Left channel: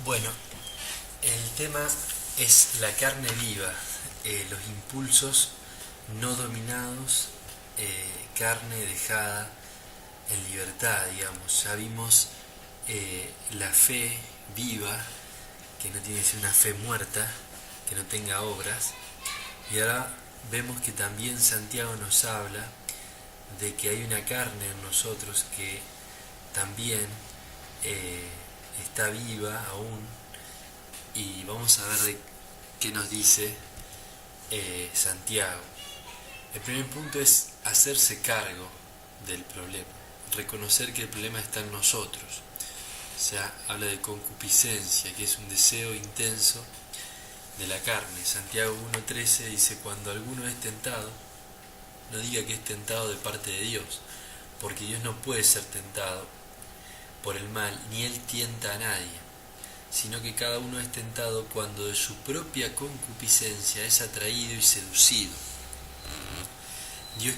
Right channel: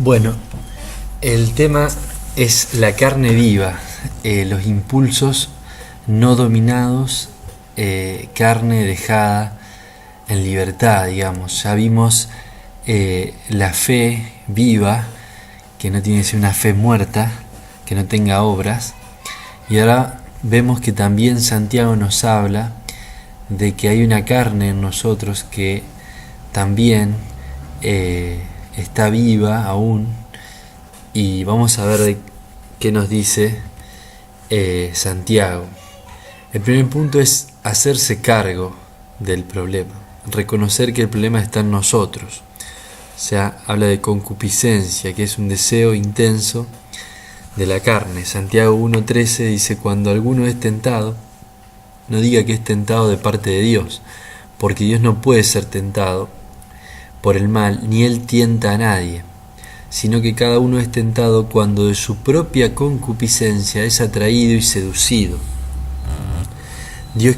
Bueno, el tema es la carne viva, los impulsos no dominados, carne dejada en libertad, digamos. Ya vimos la fe viva, que no tiene que ser una fe muerta, que no tenga obras. Y ahora vemos que también Santiago nos habla de que hay una carne en nosotros que también está viva aún, y vamos a ver de qué nos dice Santiago. El primer punto es hacerse cargo del problema, reconocer que el problema está en nosotros. O sea, habla de concupiscencia, que es un deseo intenso de la carne. Santiago 1:13 dice: cuando alguno es tentado, no diga que es tentado de parte de Dios, porque Dios no puede ser tentado por el mal, ni Él tienta a nadie, sino que cada uno es tentado cuando de su propia concupiscencia es atraído y seducido. Dios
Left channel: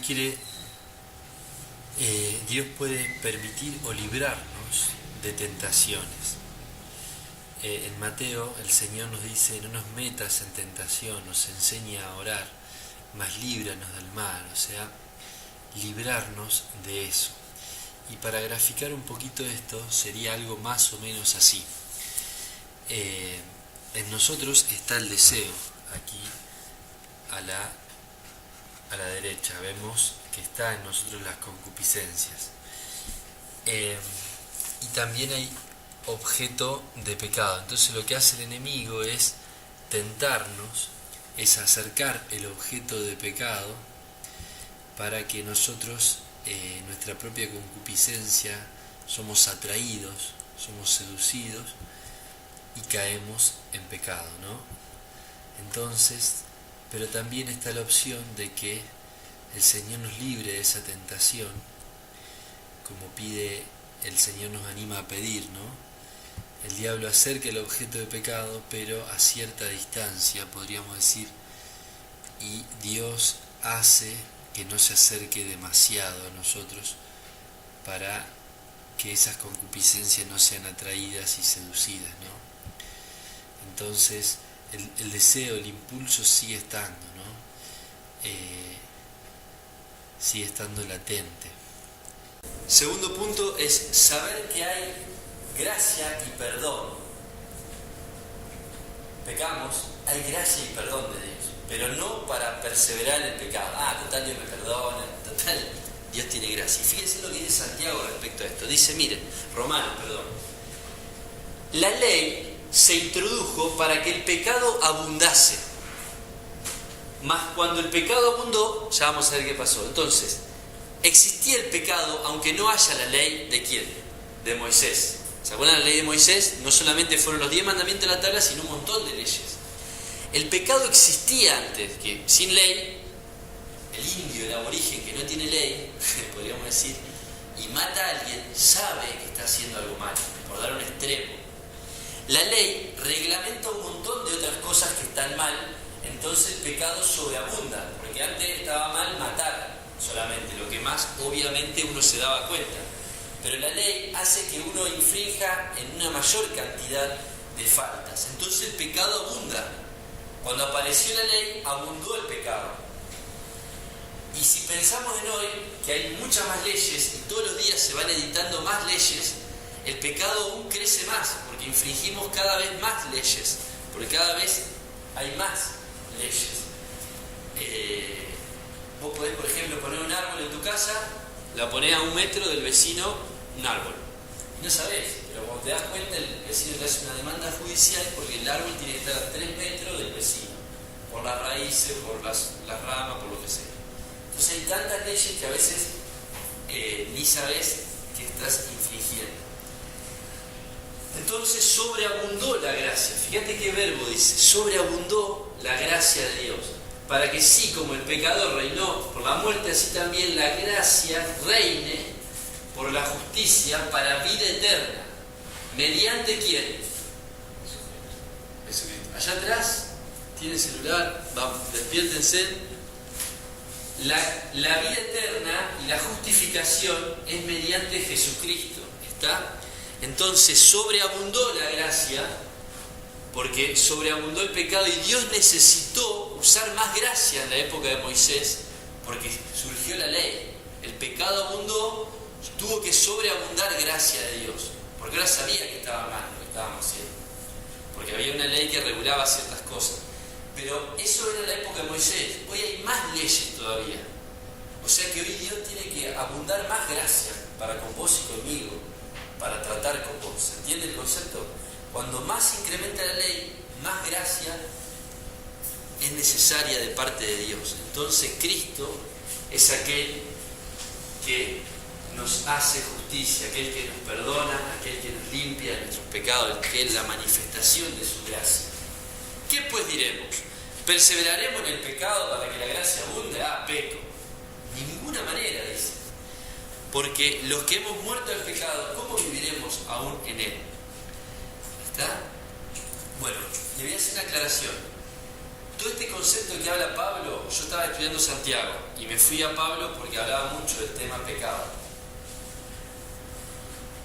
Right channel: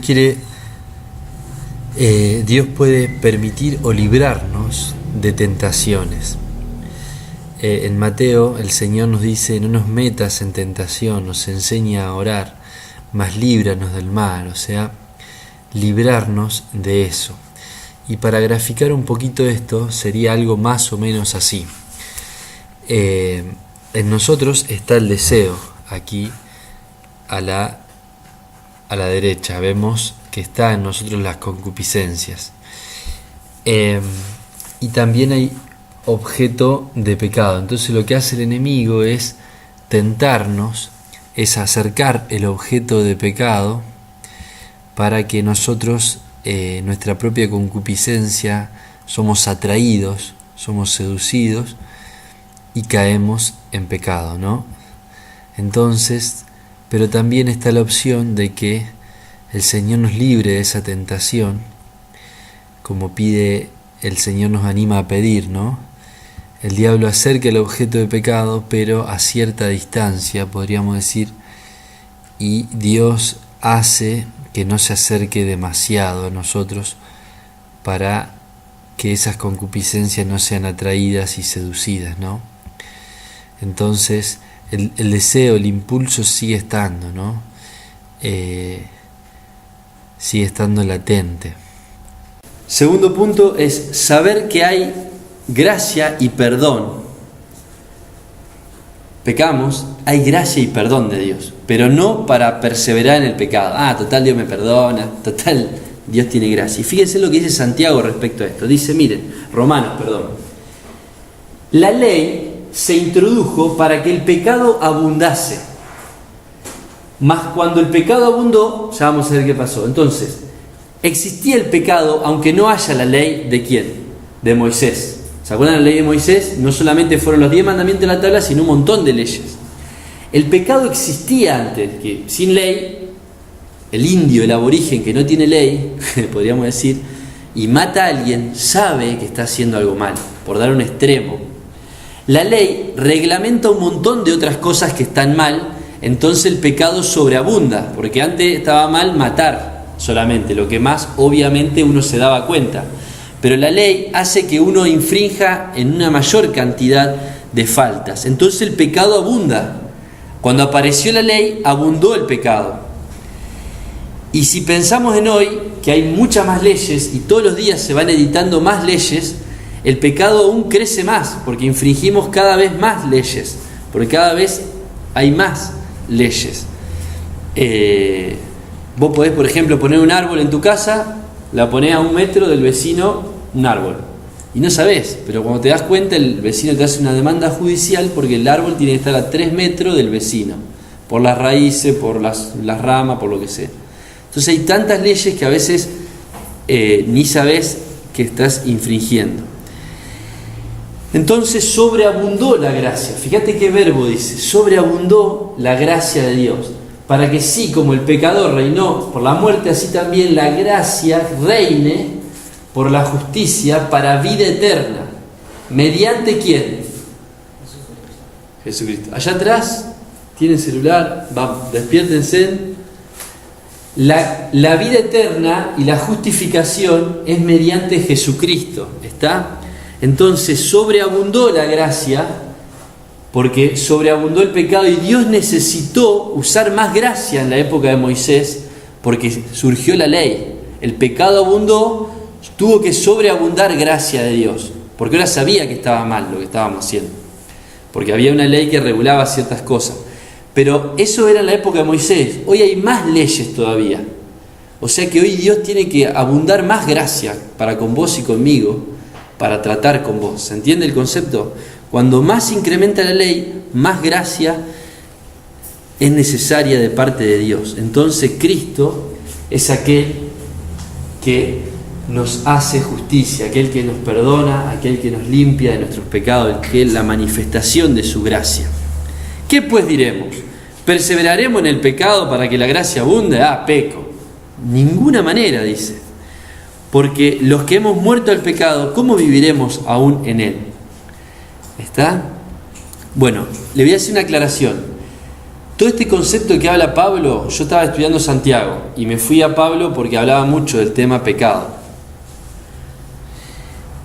puede permitir o librarnos de tentaciones. En Mateo el Señor nos dice: no nos metas en tentación, nos enseña a orar, mas líbranos del mal, o sea, librarnos de eso. Y para graficar un poquito esto, sería algo más o menos así. En nosotros está el deseo, aquí a la derecha, vemos que está en nosotros las concupiscencias. Y también hay objeto de pecado. Entonces lo que hace el enemigo es tentarnos, es acercar el objeto de pecado para que nosotros, nuestra propia concupiscencia, somos atraídos, somos seducidos y caemos en pecado, ¿no? Entonces, pero también está la opción de que el Señor nos libre de esa tentación, como pide el Señor, nos anima a pedir, ¿no? El diablo acerca el objeto de pecado, pero a cierta distancia, podríamos decir, y Dios hace que no se acerque demasiado a nosotros para que esas concupiscencias no sean atraídas y seducidas, ¿no? Entonces el deseo, el impulso sigue estando, ¿no? Sigue estando latente. Segundo punto es saber que hay gracia y perdón. Pecamos, hay gracia y perdón de Dios, pero no para perseverar en el pecado. Total, Dios me perdona, total, Dios tiene gracia. Y fíjense lo que dice Santiago respecto a esto. Dice, miren, la ley se introdujo para que el pecado abundase, mas cuando el pecado abundó, ya vamos a ver qué pasó. Entonces, existía el pecado aunque no haya la ley de ¿quién? De Moisés. ¿Se acuerdan de la ley de Moisés? No solamente fueron los 10 mandamientos de la tabla, sino un montón de leyes. El pecado existía antes, que sin ley, el indio, el aborigen que no tiene ley, podríamos decir, y mata a alguien, sabe que está haciendo algo mal, por dar un extremo. La ley reglamenta un montón de otras cosas que están mal, entonces el pecado sobreabunda, porque antes estaba mal matar solamente, lo que más obviamente uno se daba cuenta. Pero la ley hace que uno infrinja en una mayor cantidad de faltas. Entonces el pecado abunda. Cuando apareció la ley, abundó el pecado. Y si pensamos en hoy, que hay muchas más leyes y todos los días se van editando más leyes, el pecado aún crece más, porque infringimos cada vez más leyes, porque cada vez hay más leyes. Vos podés, por ejemplo, poner un árbol en tu casa, la ponés a 1 metro del vecino, un árbol, y no sabés, pero cuando te das cuenta el vecino te hace una demanda judicial porque el árbol tiene que estar a 3 metros del vecino, por las raíces, por las ramas, por lo que sea. Entonces hay tantas leyes que a veces ni sabés que estás infringiendo. Entonces sobreabundó la gracia. Fíjate qué verbo dice: sobreabundó la gracia de Dios, para que sí, como el pecador reinó por la muerte, así también la gracia reine por la justicia para vida eterna. ¿Mediante quién? Jesucristo. Allá atrás tienen celular, despiértense. La vida eterna y la justificación es mediante Jesucristo. ¿Está? Entonces sobreabundó la gracia porque sobreabundó el pecado y Dios necesitó usar más gracia en la época de Moisés, porque surgió la ley. El pecado abundó, tuvo que sobreabundar gracia de Dios, porque ahora sabía que estaba mal lo que estábamos haciendo, porque había una ley que regulaba ciertas cosas. Pero eso era en la época de Moisés. Hoy hay más leyes todavía. O sea que hoy Dios tiene que abundar más gracia para con vos y conmigo, para tratar con vos. ¿Se entiende el concepto? Cuando más incrementa la ley, más gracia es necesaria de parte de Dios. Entonces Cristo es aquel que nos hace justicia, aquel que nos perdona, aquel que nos limpia de nuestros pecados, que es la manifestación de su gracia. ¿Qué pues diremos? ¿Perseveraremos en el pecado para que la gracia abunde? Peco. Ninguna manera, dice. Porque los que hemos muerto al pecado, ¿cómo viviremos aún en él? ¿Está? Bueno, le voy a hacer una aclaración. Todo este concepto que habla Pablo, yo estaba estudiando Santiago y me fui a Pablo porque hablaba mucho del tema pecado.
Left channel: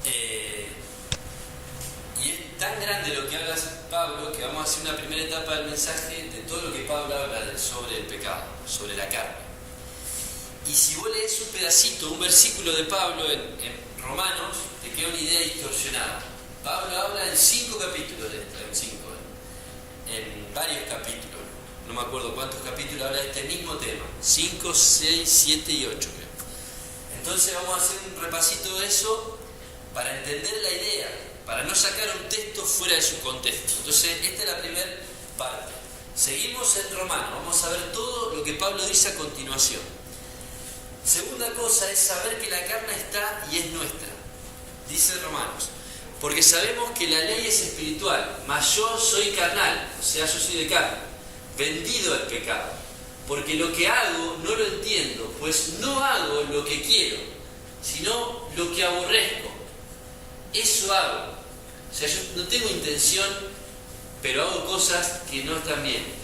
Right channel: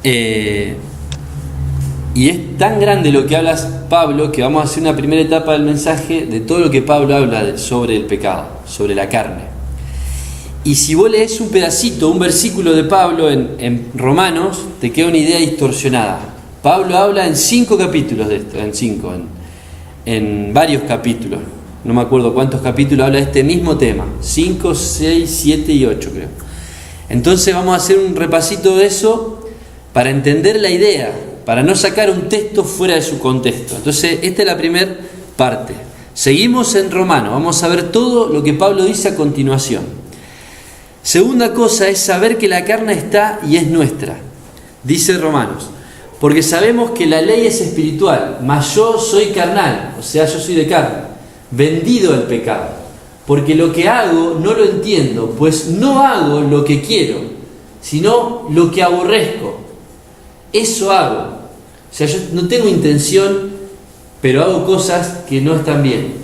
Y es tan grande lo que habla Pablo que vamos a hacer una primera etapa del mensaje de todo lo que Pablo habla sobre el pecado, sobre la carne. Y si vos lees un pedacito, un versículo de Pablo en Romanos, te queda una idea distorsionada. Pablo habla en 5 capítulos de esto, en varios capítulos. No me acuerdo cuántos capítulos habla de este mismo tema. 5, 6, 7 y 8 creo. Entonces vamos a hacer un repasito de eso para entender la idea, para no sacar un texto fuera de su contexto. Entonces esta es la primera parte. Seguimos en Romanos, vamos a ver todo lo que Pablo dice a continuación. Segunda cosa es saber que la carne está y es nuestra. Dice Romanos, porque sabemos que la ley es espiritual, mas yo soy carnal, o sea, yo soy de carne, vendido al pecado. Porque lo que hago no lo entiendo, pues no hago lo que quiero, sino lo que aborrezco. Eso hago. O sea, yo no tengo intención, pero hago cosas que no están bien.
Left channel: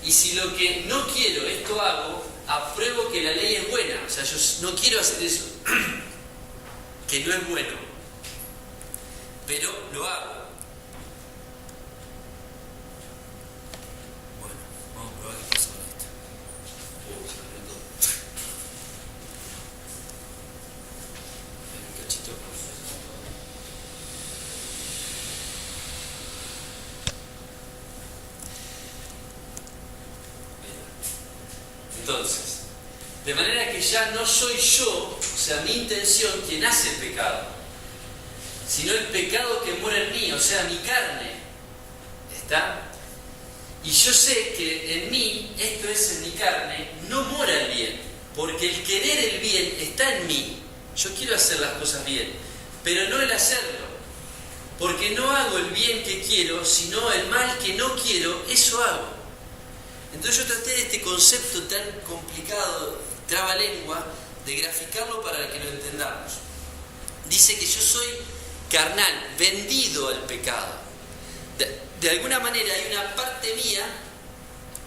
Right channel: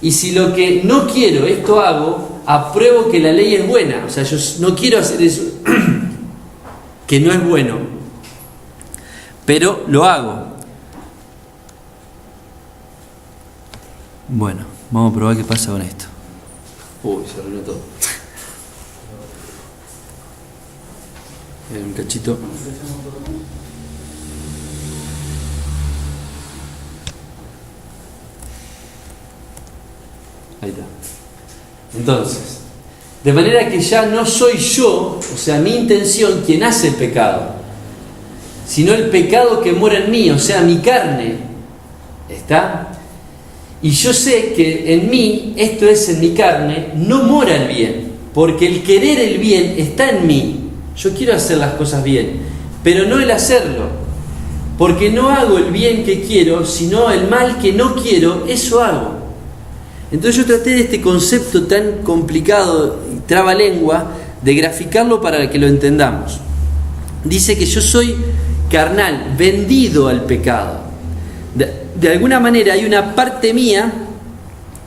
Y si lo que no quiero, esto hago, apruebo que la ley es buena. O sea, yo no quiero hacer eso que no es bueno, pero lo hago. Bueno, vamos a probar qué pasa con esto. Se arruinó todo. Un cachito. Ahí está. Entonces, de manera que ya no soy yo, o sea, mi intención, quien hace el pecado, sino el pecado que mora en mí, o sea, mi carne. ¿Está? Y yo sé que en mí, esto es en mi carne, no mora el bien, porque el querer el bien está en mí. Yo quiero hacer las cosas bien, pero no el hacerlo, porque no hago el bien que quiero, sino el mal que no quiero, eso hago. Entonces yo traté de este concepto tan complicado, trabalengua, de graficarlo para que lo entendamos. Dice que yo soy carnal, vendido al pecado. De alguna manera hay una parte mía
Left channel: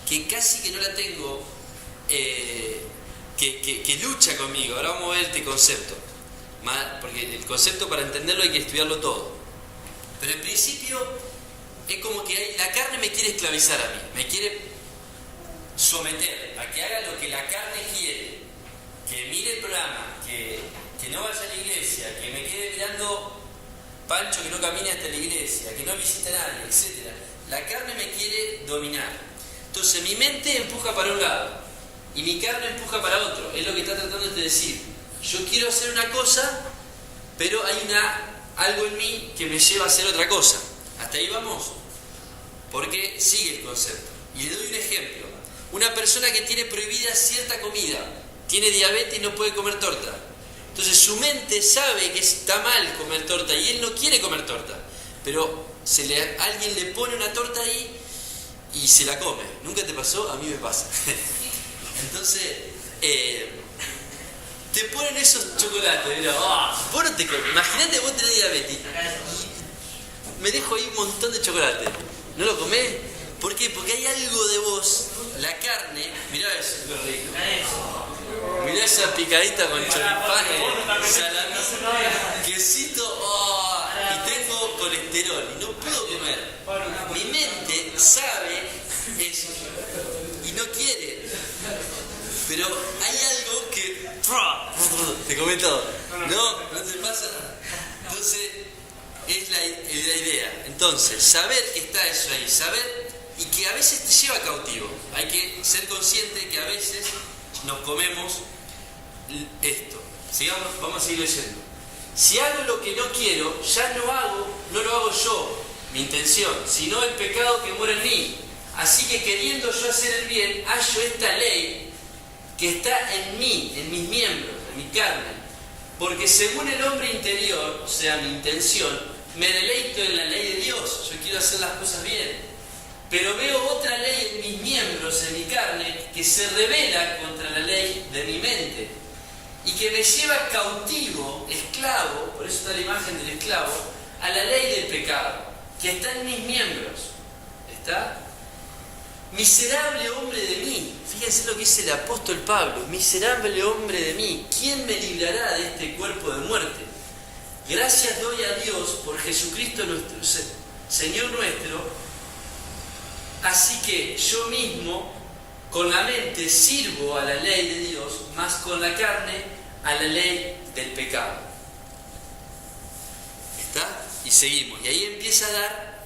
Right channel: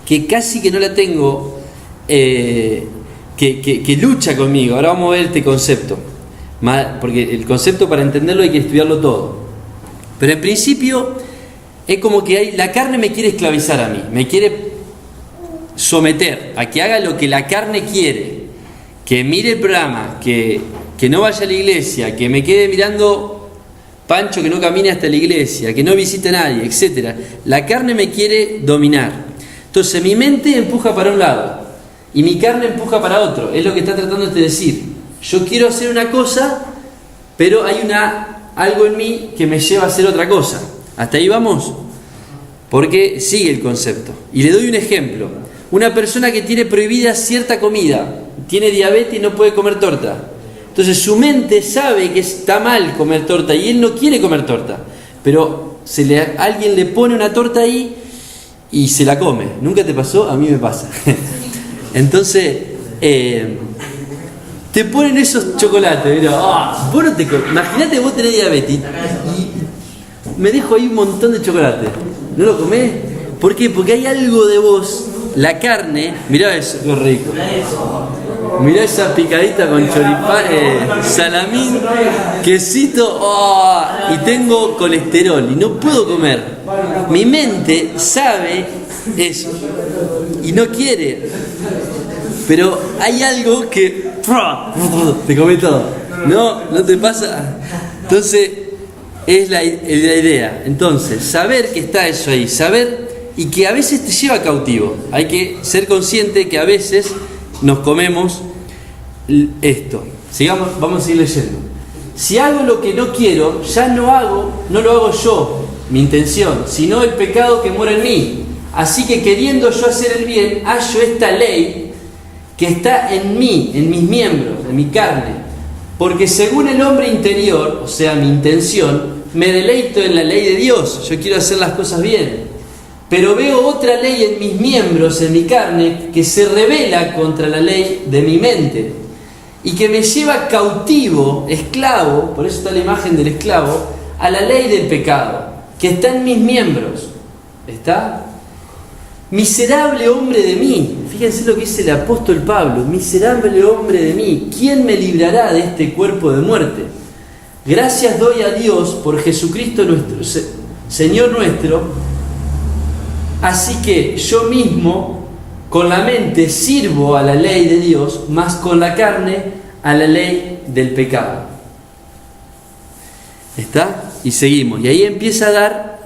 que casi que no la tengo, que lucha conmigo. Ahora vamos a ver este concepto, porque el concepto, para entenderlo, hay que estudiarlo todo. Pero en principio es como que la carne me quiere esclavizar a mí, me quiere someter a que haga lo que la carne quiere, que mire el programa, que no vaya a la iglesia, que me quede mirando Pancho, que no camine hasta la iglesia, que no visite a nadie, etc. La carne me quiere dominar. Entonces mi mente empuja para un lado y mi carne empuja para otro. Es lo que está tratando de decir. Yo quiero hacer una cosa, pero hay algo en mí que me lleva a hacer otra cosa. ¿Hasta ahí vamos? Porque sigue el concepto. Y le doy un ejemplo. Una persona que tiene prohibida cierta comida, tiene diabetes y no puede comer torta. Entonces su mente sabe que está mal comer torta y él no quiere comer torta, pero alguien le pone una torta ahí y se la come. ¿Nunca te pasó? A mí me pasa. Entonces te ponen esos chocolates, mira, vos no te imagínate, vos tenés diabetes y me dejo ahí un montón de chocolate. ¿No lo comés? ¿Por qué? Porque hay algo de vos, la carne, mirá eso, qué rico. Mirá esa picadita con choripán, salamín, quesito, oh, y tengo colesterol y no puedo comer. Mi mente sabe eso y no quiere. Pero hay algo que te come todo. No te pasa. Entonces, es la idea. Entonces, saber que está eso ahí, saber y que a veces te lleva cautivo. Hay que ser consciente que a veces nos comemos esto. Sigamos, vamos a ir leyendo. Si hago lo que no quiero, ya no lo hago yo, mi intención, sino el pecado que mora en mí. Así que queriendo yo hacer el bien, hallo esta ley que está en mí, en mis miembros, en mi carne. Porque según el hombre interior, o sea, mi intención, me deleito en la ley de Dios. Yo quiero hacer las cosas bien. Pero veo otra ley en mis miembros, en mi carne, que se rebela contra la ley de mi mente. Y que me lleva cautivo, esclavo, por eso está la imagen del esclavo, a la ley del pecado, que está en mis miembros. ¿Está? Miserable hombre de mí, fíjense lo que dice el apóstol Pablo, miserable hombre de mí, ¿quién me librará de este cuerpo de muerte? Gracias doy a Dios por Jesucristo nuestro Señor nuestro, así que yo mismo con la mente sirvo a la ley de Dios, mas con la carne a la ley del pecado. ¿Está? Y seguimos, y ahí empieza a dar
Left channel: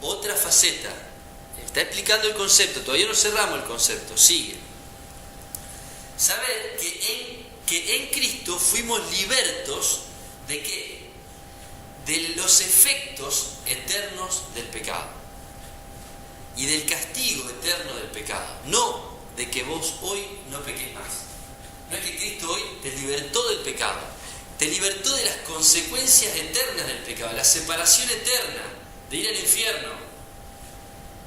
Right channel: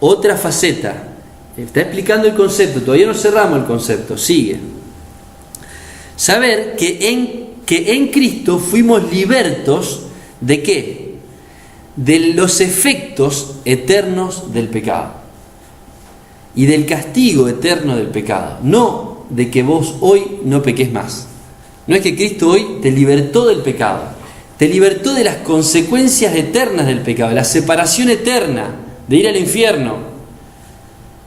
otra faceta. Está explicando el concepto, todavía no cerramos el concepto, sigue. Saber que en Cristo fuimos libertos ¿de qué? De los efectos eternos del pecado y del castigo eterno del pecado. No de que vos hoy no peques más. No es que Cristo hoy te libertó del pecado, te libertó de las consecuencias eternas del pecado, la separación eterna de ir al infierno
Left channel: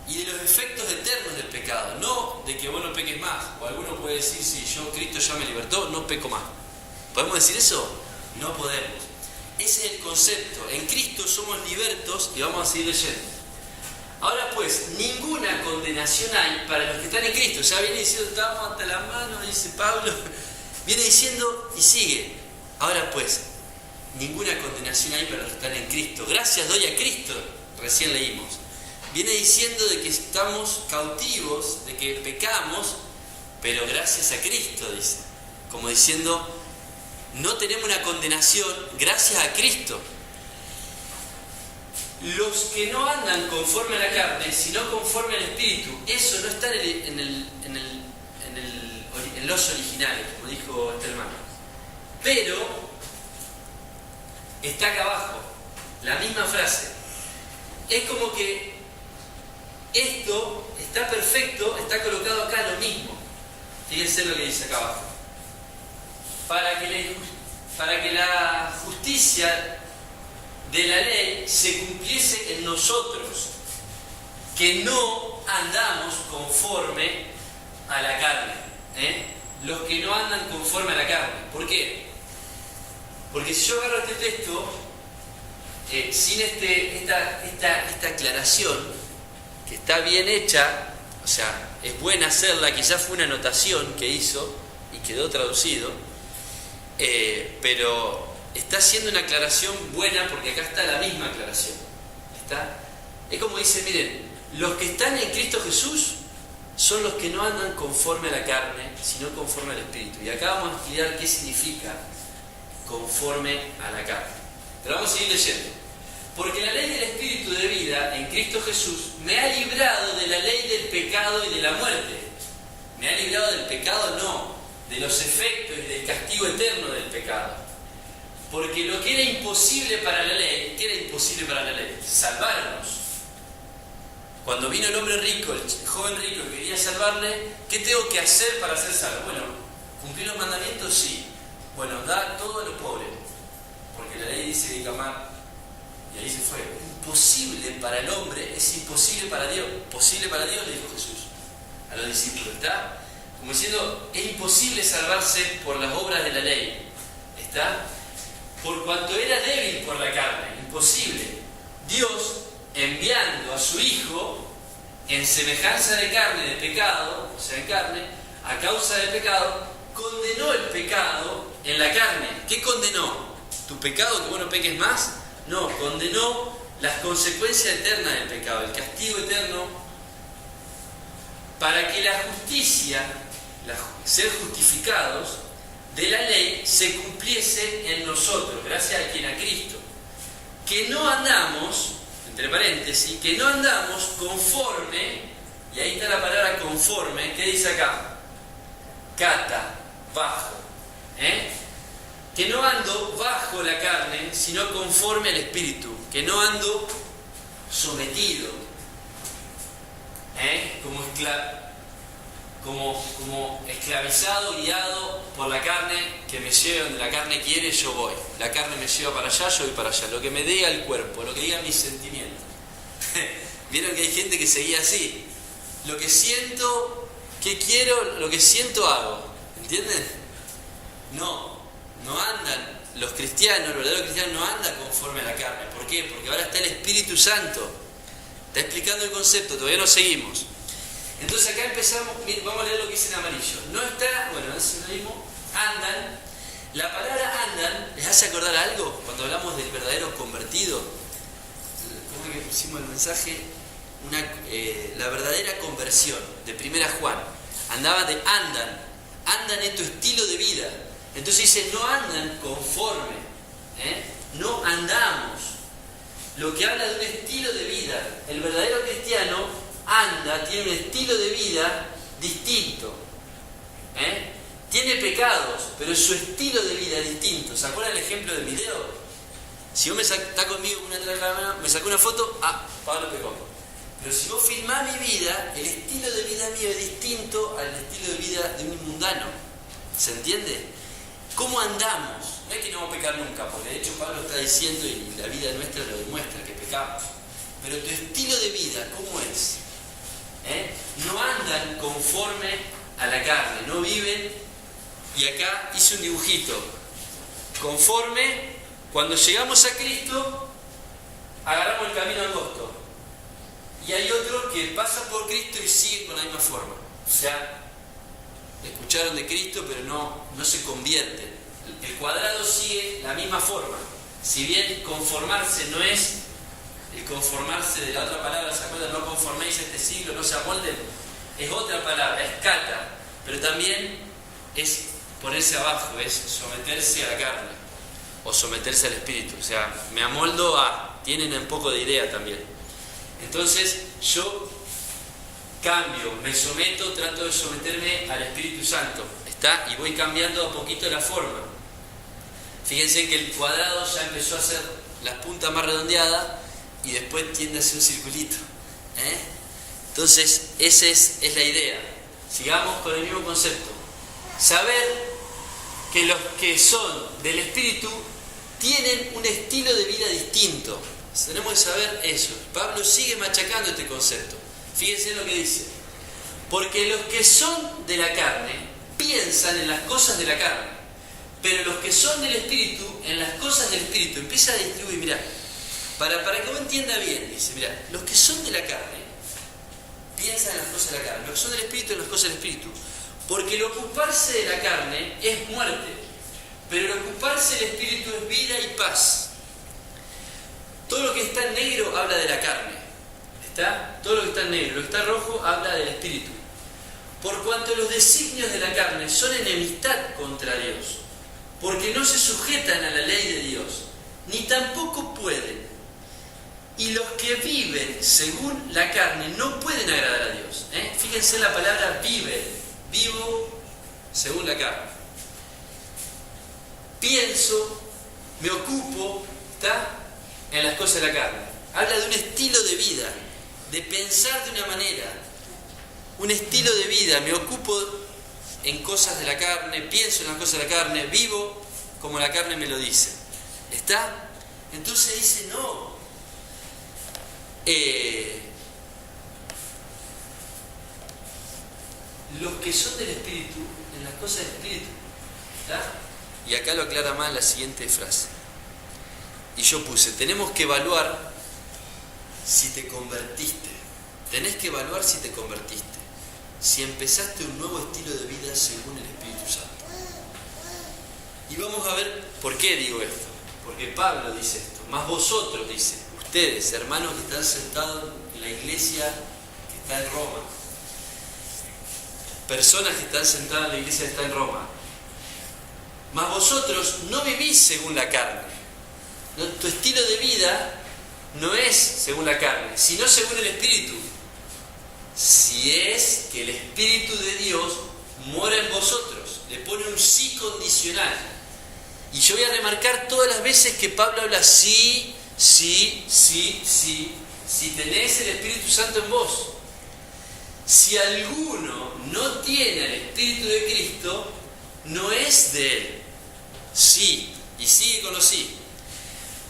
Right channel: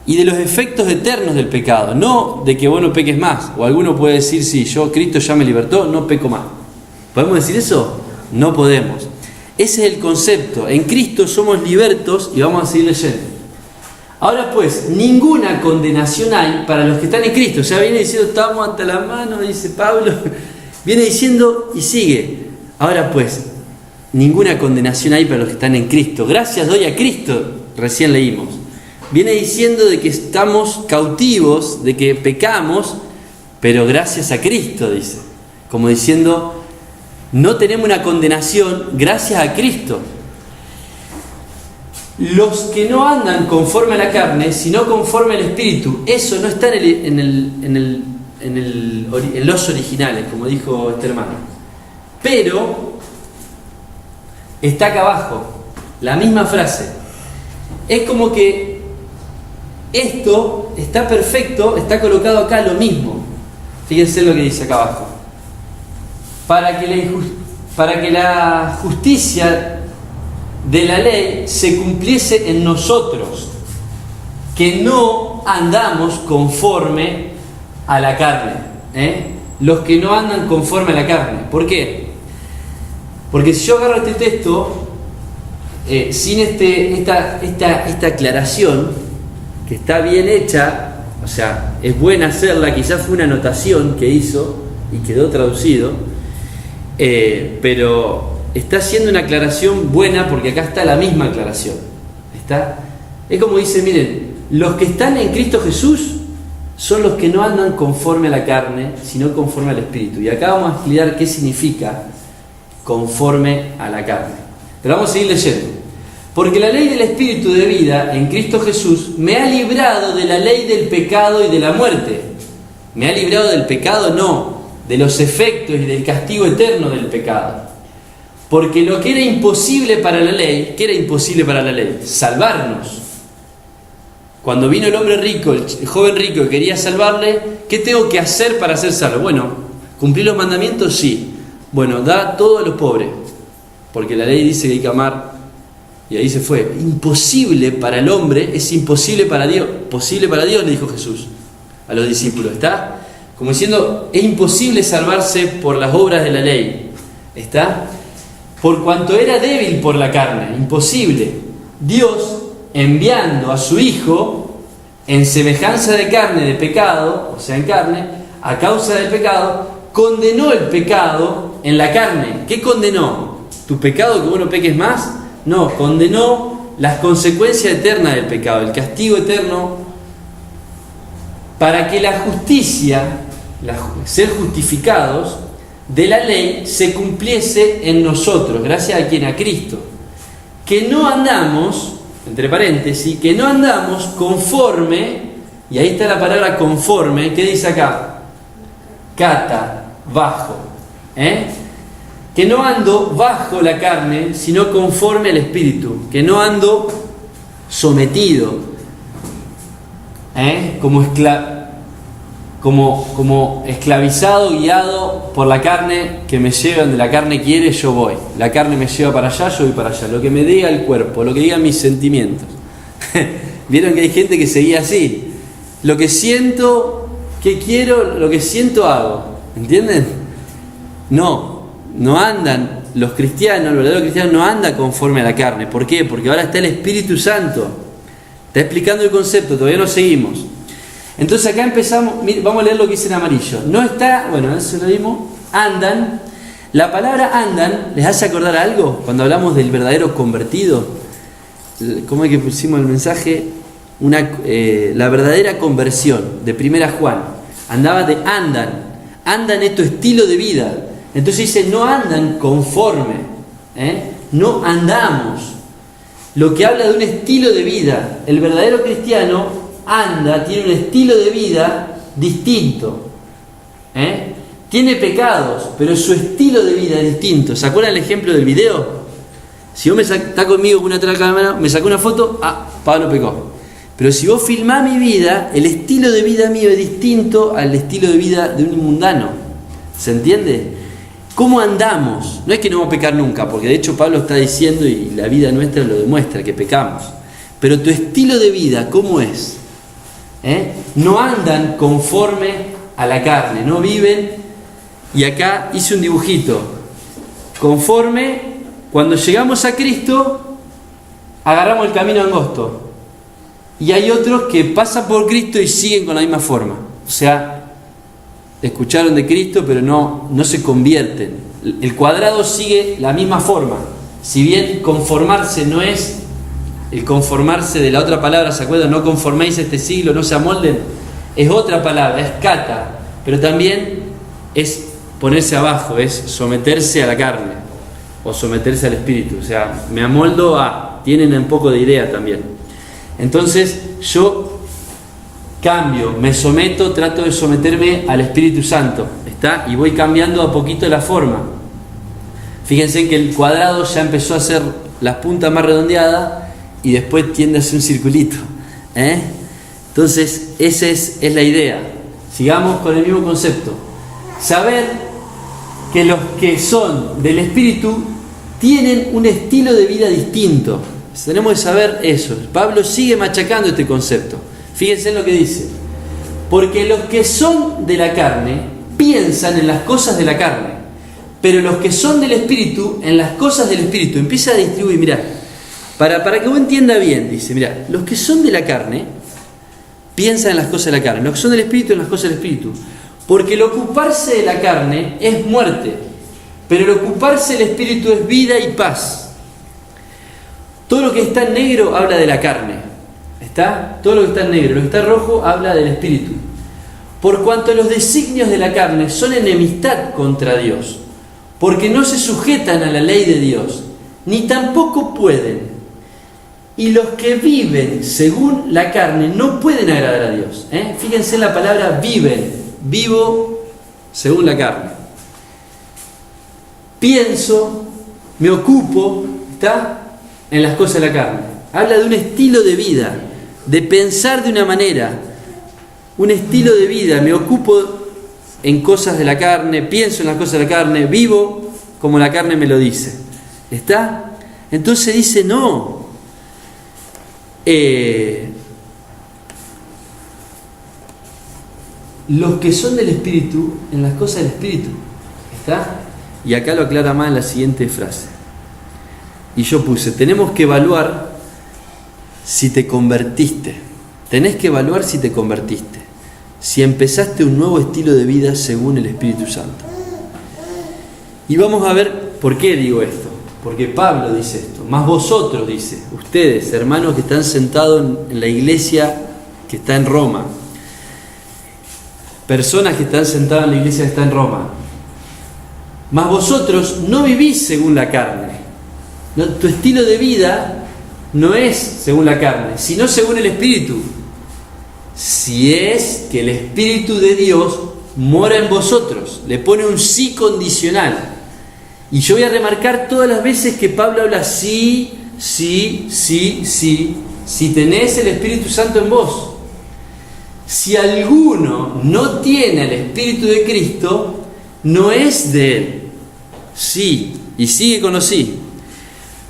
y de los efectos eternos del pecado, no de que vos no peques más. O alguno puede decir, sí, Cristo ya me libertó, no peco más. ¿Podemos decir eso? No podemos. Ese es el concepto. En Cristo somos libertos y vamos a seguir leyendo. Ahora pues, ninguna condenación hay para los que están en Cristo. O sea, viene diciendo, estamos hasta la mano, dice Pablo. Viene diciendo y sigue. Ahora pues, ninguna condenación hay para los que están en Cristo. Gracias doy a Cristo, recién leímos. Viene diciendo de que estamos cautivos, de que pecamos, pero gracias a Cristo, dice. Como diciendo, no tenemos una condenación gracias a Cristo. Los que no andan conforme a la carne, sino conforme al Espíritu, eso no está en los originales, como dijo este hermano. Pero está acá abajo, la misma frase. Es como que esto está perfecto, está colocado acá lo mismo. Fíjense lo que dice acá abajo. Para que la justicia de la ley se cumpliese en nosotros, que no andamos conforme a la carne. Los que no andan conforme a la carne. ¿Por qué? Porque si yo agarro este texto sin esta aclaración, que está bien hecha, o sea, es buena hacerla, quizás fue una anotación que hizo y quedó traducido, pero está haciendo una aclaración buena porque acá está la misma aclaración. Es como dice, miren, los que están en Cristo Jesús son los que no andan conforme a la carne, sino conforme al Espíritu. Y acá vamos a explicar qué significa conforme a la carne. Pero vamos a seguir leyendo. Porque la ley del Espíritu de vida en Cristo Jesús me ha librado de la ley del pecado y de la muerte. ¿Me ha librado del pecado? No, de los efectos y del castigo eterno del pecado. Porque lo que era imposible para la ley, ¿qué era imposible para la ley? Salvarnos. Cuando vino el hombre rico, el joven rico que quería salvarle, ¿qué tengo que hacer para ser salvo? Bueno, ¿cumplir los mandamientos? Sí. Bueno, da todo a los pobres, porque la ley dice que hay que amar. Y ahí se fue. Imposible para el hombre es imposible para Dios. Posible para Dios, le dijo Jesús a los discípulos. ¿Está? Como diciendo, es imposible salvarse por las obras de la ley. ¿Está? Por cuanto era débil por la carne. Imposible. Dios, enviando a su Hijo en semejanza de carne, de pecado, o sea, en carne, a causa del pecado, condenó el pecado en la carne. ¿Qué condenó? ¿Tu pecado, que vos no peques más? No, condenó las consecuencias eternas del pecado, el castigo eterno, para que la justicia, ser justificados de la ley, se cumpliese en nosotros, gracias a quien, a Cristo. Que no andamos, entre paréntesis, que no andamos conforme, y ahí está la palabra conforme, ¿qué dice acá? Cata, bajo, que no ando bajo la carne, sino conforme al Espíritu, que no ando sometido, como esclavizado, guiado por la carne, que me lleva donde la carne quiere, yo voy. La carne me lleva para allá, yo voy para allá. Lo que me diga el cuerpo, lo que digan mis sentimientos. Vieron que hay gente que seguía así. Lo que siento, que quiero, lo que siento hago. ¿Entienden? No andan los cristianos, el verdadero cristiano no anda conforme a la carne. ¿Por qué? Porque ahora está el Espíritu Santo. Está explicando el concepto, todavía no seguimos. Entonces acá empezamos, vamos a leer lo que dice en amarillo. No está, bueno, eso lo vimos, andan. La palabra andan, ¿les hace acordar algo? Cuando hablamos del verdadero convertido, ¿cómo es que pusimos el mensaje? La verdadera conversión de 1 Juan. Andaba de andan es tu estilo de vida. Entonces dice, no andan conforme, no andamos. Lo que habla de un estilo de vida. El verdadero cristiano tiene un estilo de vida distinto. Tiene pecados, pero su estilo de vida es distinto. ¿Se acuerdan el ejemplo del video? Si vos está conmigo con una otra cámara, me sacó una foto, Pablo pecó. Pero si vos filmás mi vida, el estilo de vida mío es distinto al estilo de vida de un mundano. ¿Se entiende? ¿Cómo andamos? No es que no vamos a pecar nunca, porque de hecho Pablo está diciendo, y la vida nuestra lo demuestra, que pecamos. Pero tu estilo de vida, ¿cómo es? No andan conforme a la carne, no viven. Y acá hice un dibujito. Conforme, cuando llegamos a Cristo, agarramos el camino angosto. Y hay otros que pasan por Cristo y siguen con la misma forma. O sea, escucharon de Cristo, pero no se convierten. El cuadrado sigue la misma forma. Si bien conformarse no es el conformarse de la otra palabra, ¿se acuerdan? No conforméis a este siglo, no se amolden. Es otra palabra, es kata. Pero también es ponerse abajo, es someterse a la carne o someterse al espíritu. O sea, me amoldo tienen un poco de idea también. Entonces yo cambio, me someto, trato de someterme al Espíritu Santo, ¿está? Y voy cambiando a poquito la forma. Fíjense que el cuadrado ya empezó a hacer las puntas más redondeadas y después tiende a ser un circulito, Entonces esa es la idea. Sigamos con el mismo concepto. Saber que los que son del Espíritu tienen un estilo de vida distinto. Tenemos que saber eso. Pablo sigue machacando este concepto. Fíjense en lo que dice. Porque los que son de la carne piensan en las cosas de la carne, pero los que son del Espíritu en las cosas del Espíritu. Empieza a distribuir, mirá, para que vos entienda bien, dice, mirá, los que son de la carne piensan en las cosas de la carne, los que son del Espíritu en las cosas del Espíritu. Porque el ocuparse de la carne es muerte, pero el ocuparse del Espíritu es vida y paz. Todo lo que está en negro habla de la carne. ¿Está? Todo lo que está en negro. Lo que está en rojo habla del Espíritu. Por cuanto los designios de la carne son enemistad contra Dios, porque no se sujetan a la ley de Dios, ni tampoco pueden. Y los que viven según la carne no pueden agradar a Dios. Fíjense en la palabra viven. Vivo según la carne. Pienso, me ocupo, ¿está? En las cosas de la carne. Habla de un estilo de vida, de pensar de una manera, un estilo de vida. Me ocupo en cosas de la carne, pienso en las cosas de la carne, vivo como la carne me lo dice. ¿Está? Entonces dice, no. Los que son del Espíritu, en las cosas del Espíritu. ¿Está? Y acá lo aclara más en la siguiente frase. Y yo puse, tenemos que evaluar si te convertiste. Tenés que evaluar si te convertiste. si empezaste un nuevo estilo de vida según el Espíritu Santo. Y vamos a ver por qué digo esto. Porque Pablo dice esto. Más vosotros, dice, ustedes, hermanos que están sentados en la iglesia que está en Roma. Personas que están sentadas en la iglesia que está en Roma. Más vosotros no vivís según la carne. No, tu estilo de vida no es según la carne, sino según el Espíritu. Si es que el Espíritu de Dios mora en vosotros. Le pone un sí condicional. Y yo voy a remarcar todas las veces que Pablo habla sí, sí, sí, sí, si tenés el Espíritu Santo en vos. Si alguno no tiene el Espíritu de Cristo, no es de él. Sí, y sigue con los sí.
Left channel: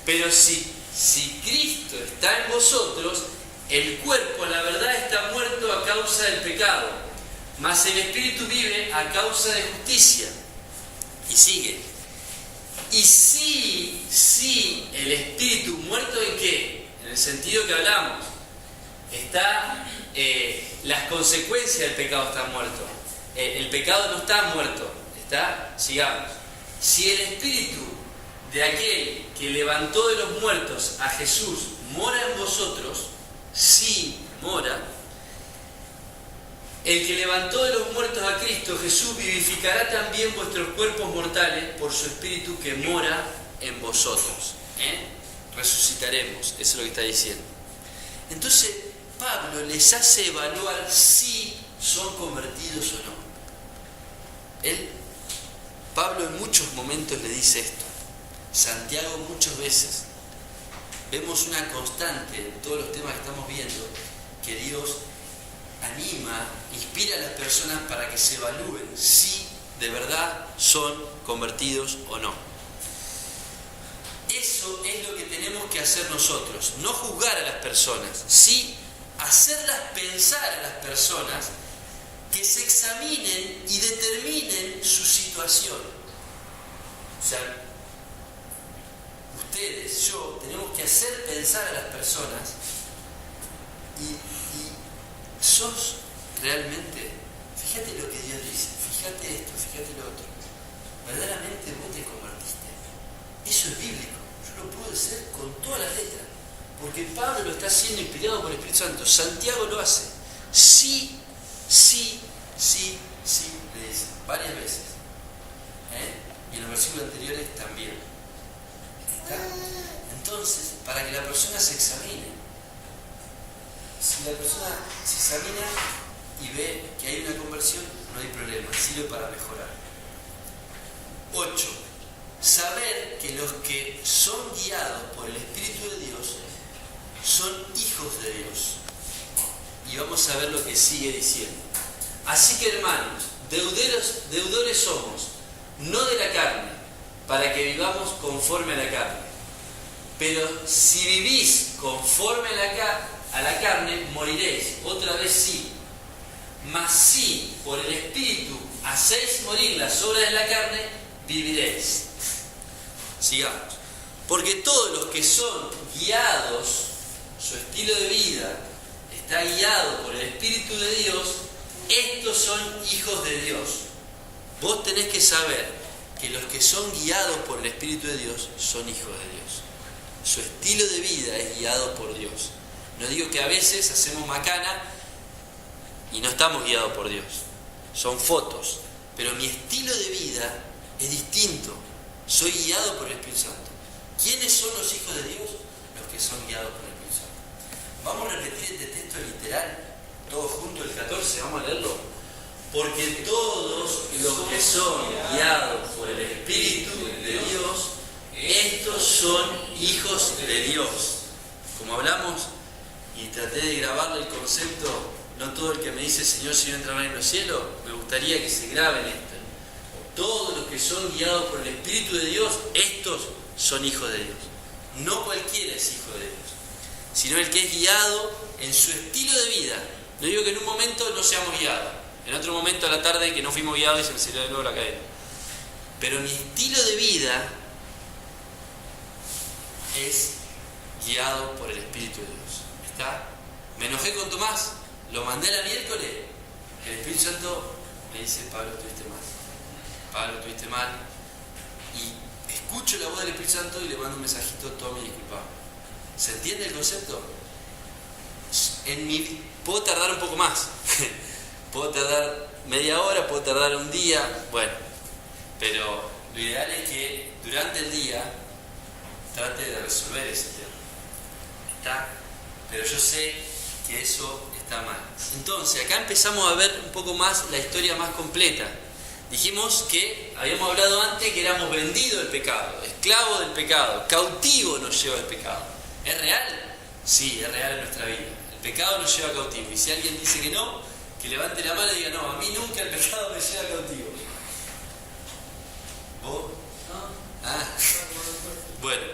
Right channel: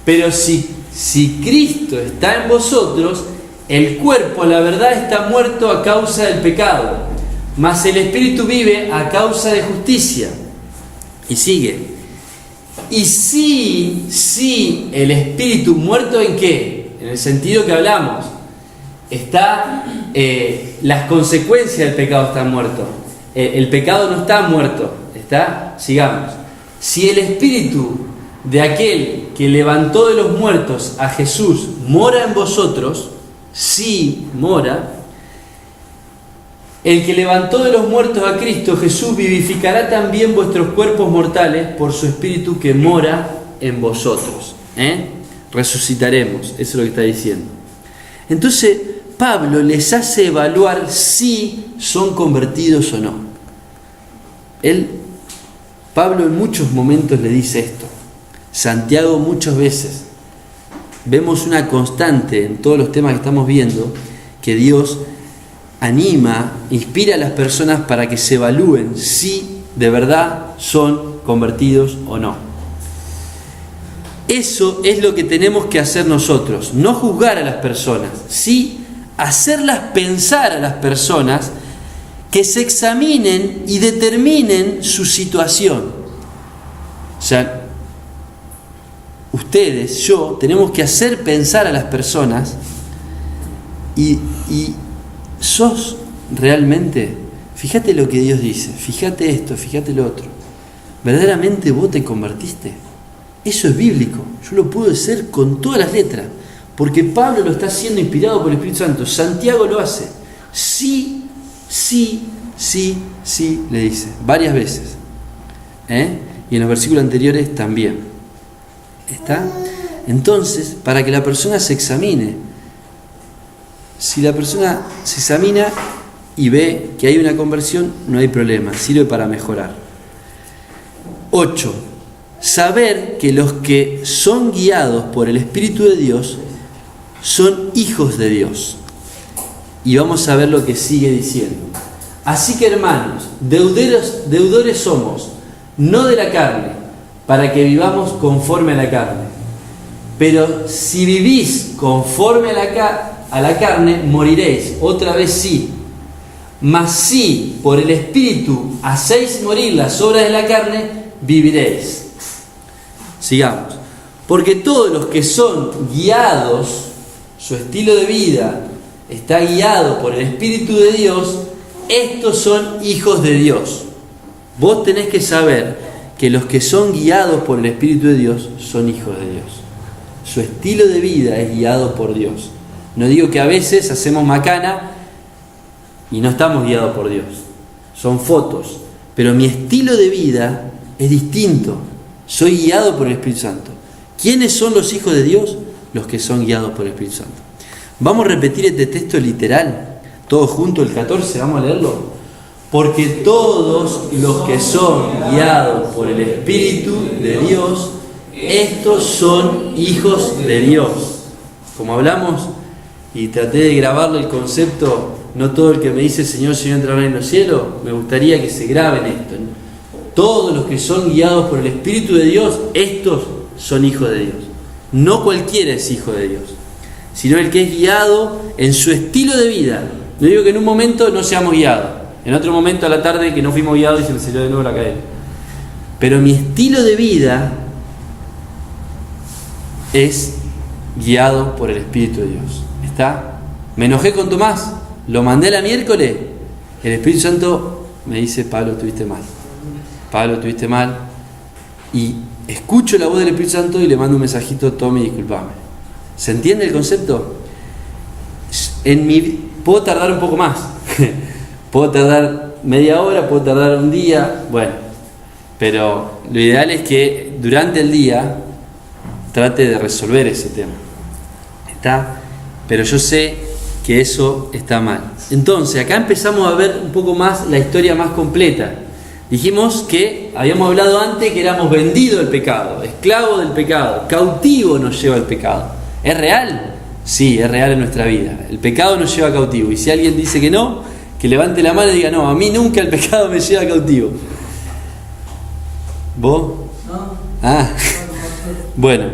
Pero si Cristo está en vosotros, el cuerpo, la verdad, está muerto a causa del pecado, mas el Espíritu vive a causa de justicia. Y sigue. Y si el Espíritu muerto, ¿en qué? En el sentido que hablamos. Las consecuencias del pecado están muertos. El pecado no está muerto. Sigamos. Si el Espíritu de aquel que levantó de los muertos a Jesús mora en vosotros, sí mora, el que levantó de los muertos a Cristo Jesús vivificará también vuestros cuerpos mortales por su Espíritu que mora en vosotros. Resucitaremos, eso es lo que está diciendo. Entonces Pablo les hace evaluar si son convertidos o no. Pablo en muchos momentos le dice esto. Santiago muchas veces. Vemos una constante en todos los temas que estamos viendo, que Dios anima, inspira a las personas para que se evalúen si de verdad son convertidos o no. Eso es lo que tenemos que hacer nosotros, no juzgar a las personas, sí hacerlas pensar a las personas que se examinen y determinen su situación. O sea, ustedes, yo, tenemos que hacer pensar a las personas y sos realmente, fíjate lo que Dios dice, fíjate esto, fíjate lo otro. ¿Verdaderamente vos te convertiste? Eso es bíblico. Yo lo puedo hacer con todas las letras, porque Pablo lo está haciendo inspirado por el Espíritu Santo. Santiago lo hace. Sí, sí, sí, sí, le dice, varias veces. Y en los versículos anteriores también. ¿Está? Entonces, para que la persona se examine, si la persona se examina y ve que hay una conversión, no hay problema, sirve para mejorar. 8. Saber que los que son guiados por el Espíritu de Dios son hijos de Dios. Y vamos a ver lo que sigue diciendo. Así que, hermanos, deudores somos, no de la carne, para que vivamos conforme a la carne. Pero si vivís conforme a la carne, moriréis. Otra vez sí. Mas si por el Espíritu hacéis morir las obras de la carne, viviréis. Sigamos. Porque todos los que son guiados, su estilo de vida está guiado por el Espíritu de Dios, estos son hijos de Dios. Vos tenés que saber que los que son guiados por el Espíritu de Dios son hijos de Dios. Su estilo de vida es guiado por Dios. No digo que a veces hacemos macana y no estamos guiados por Dios. Son fotos. Pero mi estilo de vida es distinto. Soy guiado por el Espíritu Santo. ¿Quiénes son los hijos de Dios? Los que son guiados por el Espíritu Santo. Vamos a repetir este texto literal. Todos juntos, el 14, vamos a leerlo. Porque todos los que son guiados por el Espíritu de Dios, estos son hijos de Dios. Como hablamos, y traté de grabarle el concepto, no todo el que me dice Señor, Señor entrará en los cielos, me gustaría que se graben esto. Todos los que son guiados por el Espíritu de Dios, estos son hijos de Dios. No cualquiera es hijo de Dios, sino el que es guiado en su estilo de vida. No digo que en un momento no seamos guiados, en otro momento a la tarde que no fuimos guiados y se me salió de nuevo la cadena. Pero mi estilo de vida es guiado por el Espíritu de Dios. ¿Está? Me enojé con Tomás, lo mandé la miércoles, el Espíritu Santo me dice: Pablo, estuviste mal. Pablo, estuviste mal. Y escucho la voz del Espíritu Santo y le mando un mensajito: Tommy, disculpame. ¿Se entiende el concepto? Puedo tardar un poco más. Puedo tardar media hora, puedo tardar un día. Bueno, pero lo ideal es que durante el día trate de resolver ese tema. ¿Está? Pero yo sé que eso está mal. Entonces, acá empezamos a ver un poco más la historia más completa. Dijimos que habíamos hablado antes que éramos vendidos al pecado, esclavos del pecado, cautivo nos lleva al pecado. ¿Es real? Sí, es real en nuestra vida. El pecado nos lleva cautivo. Y si alguien dice que no, que levante la mano y diga: no, a mí nunca el pecado me lleva cautivo. ¿Vos? No. Ah, bueno,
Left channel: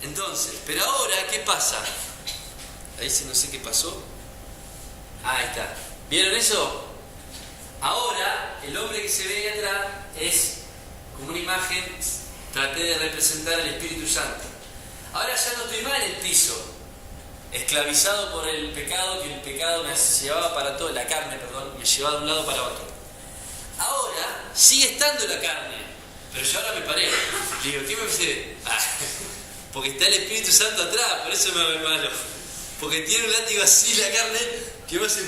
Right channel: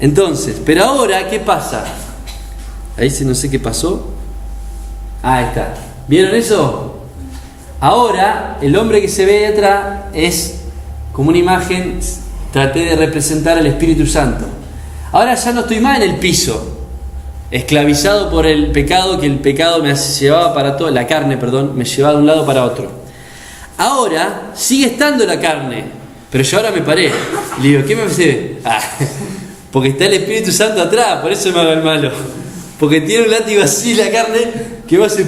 entonces, pero ahora, ¿qué pasa? Ahí sí no sé qué pasó. Ahí está. ¿Vieron eso? Ahora, el hombre que se ve atrás es como una imagen. Traté de representar al Espíritu Santo. Ahora ya no estoy más en el piso, esclavizado por el pecado, que el pecado me llevaba para todo, la carne, perdón, me llevaba de un lado para otro. Ahora sigue estando la carne, pero yo ahora me paré. Le digo: ¿qué me hace? Porque está el Espíritu Santo atrás, por eso me hago el malo. Porque tiene un látigo así la carne que va a ser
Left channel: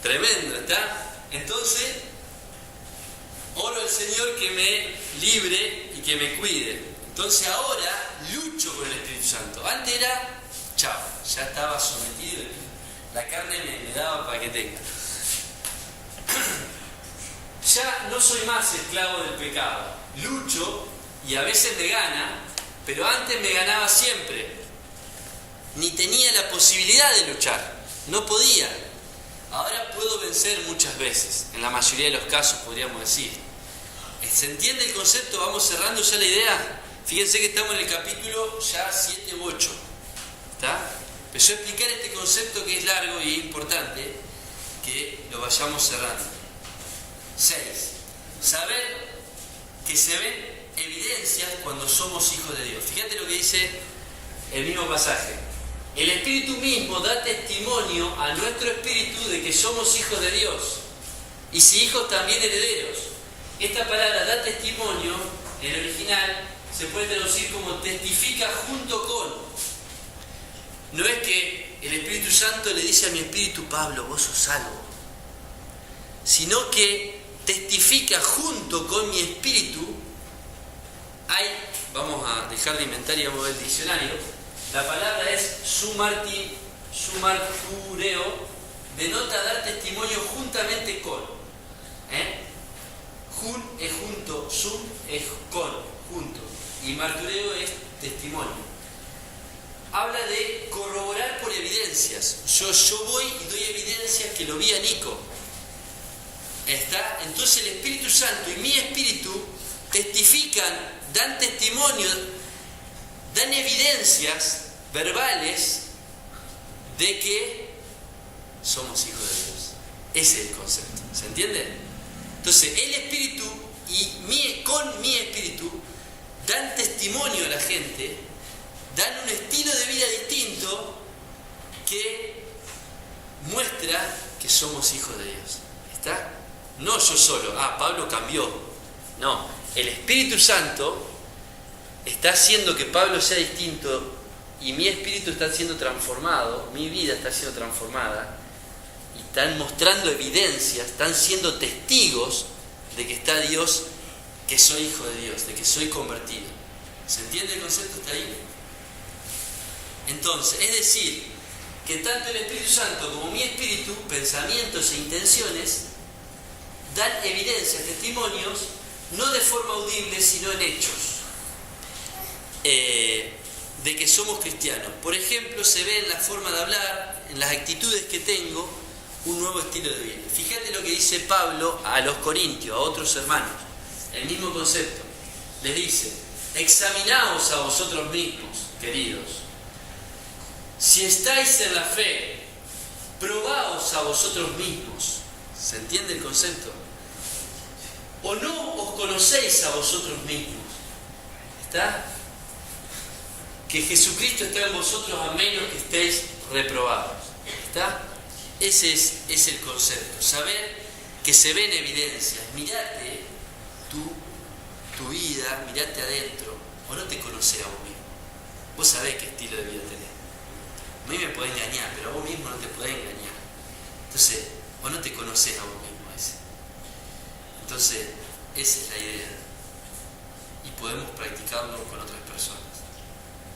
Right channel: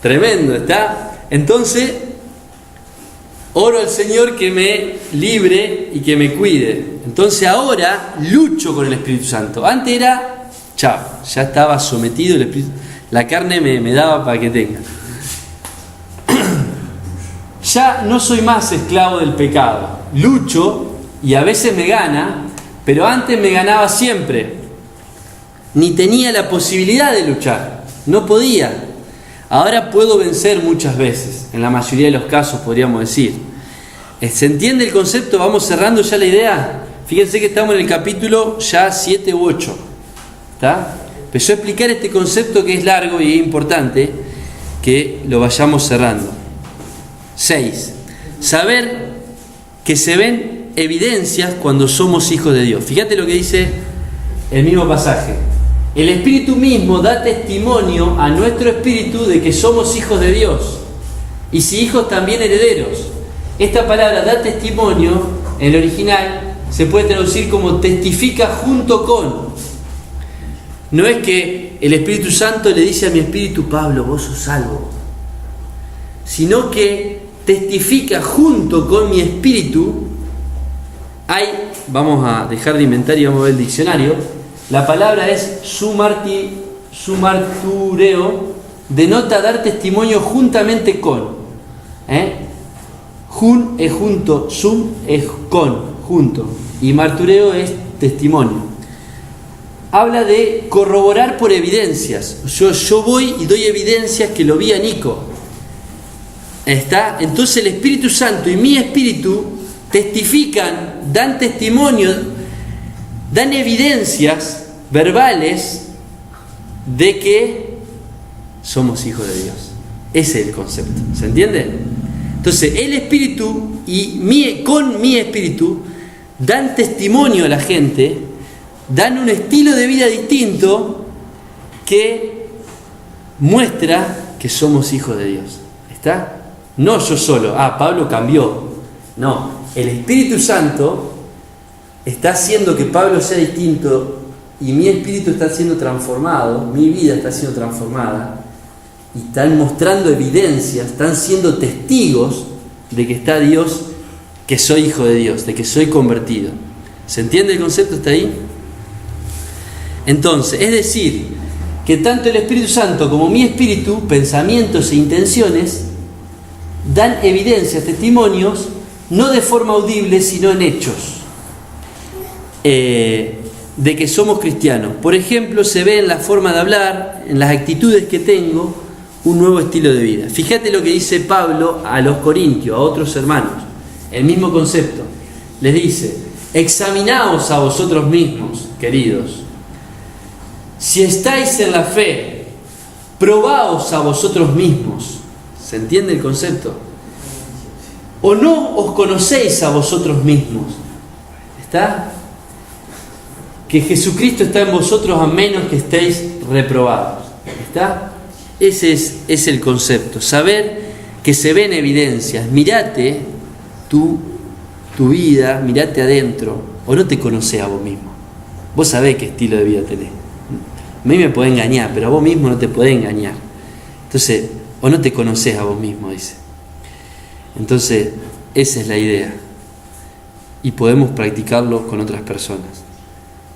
tremendo, ¿está? Entonces, oro al Señor que me libre y que me cuide. Entonces ahora lucho con el Espíritu Santo. Antes era, chao, ya estaba sometido el Espíritu. La carne me daba para que tenga. Ya no soy más esclavo del pecado. Lucho y a veces me gana, pero antes me ganaba siempre. Ni tenía la posibilidad de luchar, no podía. Ahora puedo vencer muchas veces, en la mayoría de los casos podríamos decir. ¿Se entiende el concepto? Vamos cerrando ya la idea. Fíjense que estamos en el capítulo ya 7 u 8. ¿Está? Empezó a explicar este concepto que es largo y es importante que lo vayamos cerrando. 6. Saber que se ven evidencias cuando somos hijos de Dios. Fíjate lo que dice el mismo pasaje. El Espíritu mismo da testimonio a nuestro espíritu de que somos hijos de Dios. Y si hijos, también herederos. Esta palabra da testimonio, en el original, se puede traducir como testifica junto con. No es que el Espíritu Santo le dice a mi espíritu: Pablo, vos sos salvo. Sino que testifica junto con mi espíritu. Vamos a dejar de inventar y vamos a ver el diccionario. La palabra es sumartureo, denota dar testimonio juntamente con. Jun es junto, sum es con, junto, y martureo es testimonio. Habla de corroborar por evidencias. Yo voy y doy evidencias que lo vi a Nico. ¿Está? Entonces el Espíritu Santo y mi espíritu testifican, dan testimonio, dan evidencias verbales de que somos hijos de Dios. Ese es el concepto. ¿Se entiende? Entonces el espíritu y con mi espíritu dan testimonio a la gente, dan un estilo de vida distinto que muestra que somos hijos de Dios. ¿Está? No yo solo. Pablo cambió. No, el Espíritu Santo está haciendo que Pablo sea distinto y mi espíritu está siendo transformado, mi vida está siendo transformada y están mostrando evidencias, están siendo testigos de que está Dios, que soy hijo de Dios, de que soy convertido. ¿Se entiende el concepto? ¿Está ahí? Entonces, es decir, que tanto el Espíritu Santo como mi espíritu, pensamientos e intenciones, dan evidencias, testimonios, no de forma audible, sino en hechos. De que somos cristianos. Por ejemplo, se ve en la forma de hablar, en las actitudes que tengo, un nuevo estilo de vida. Fíjate lo que dice Pablo a los corintios, a otros hermanos, el mismo concepto. Les dice: examinaos a vosotros mismos, queridos, si estáis en la fe, probaos a vosotros mismos. ¿Se entiende el concepto? ¿O no os conocéis a vosotros mismos? ¿Está? Que Jesucristo está en vosotros a menos que estéis reprobados. ¿Está? Ese es el concepto, saber que se ven evidencias. Mirate tu vida, mirate adentro, o no te conocés a vos mismo. Vos sabés qué estilo de vida tenés. A mí me podés engañar, pero a vos mismo no te podés engañar. Entonces, o no te conocés a vos mismo, dice. Entonces, esa es la idea. Y podemos practicarlo con otras personas.